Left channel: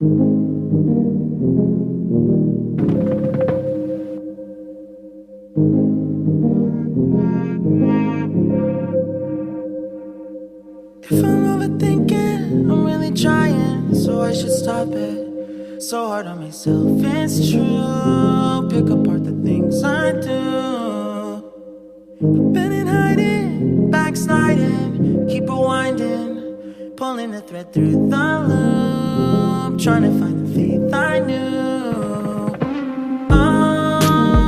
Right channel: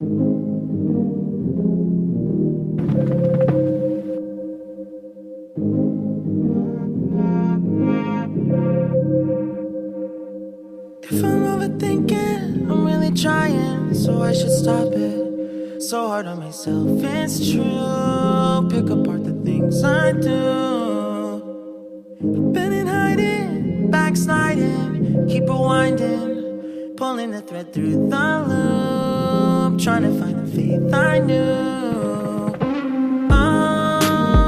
If I'm overthinking, I'm really trying, so I should stop it. So hard on myself, it's true. Pick apart the things I do. I've been in hiding, backsliding, keep rewinding, pulling the thread through the loop, trying to find the faith I knew.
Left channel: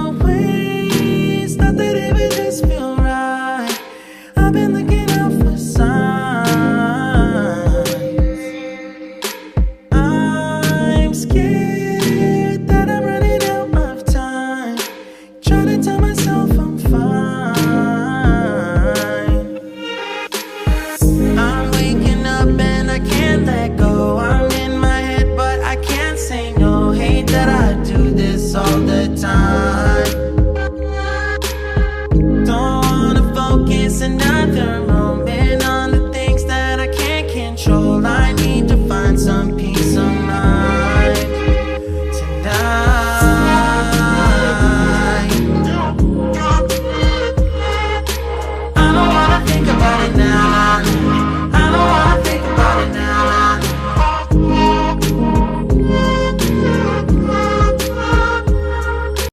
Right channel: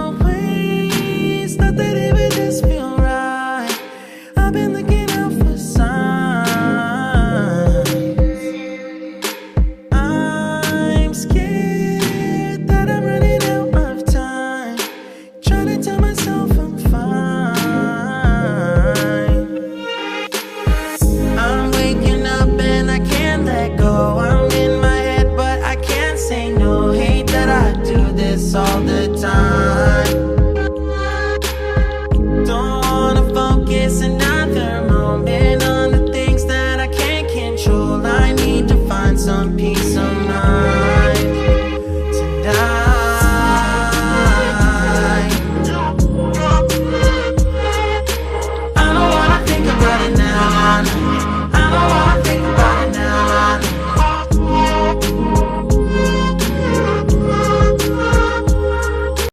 Always thought that it would just feel right. I've been looking out for signs. I'm scared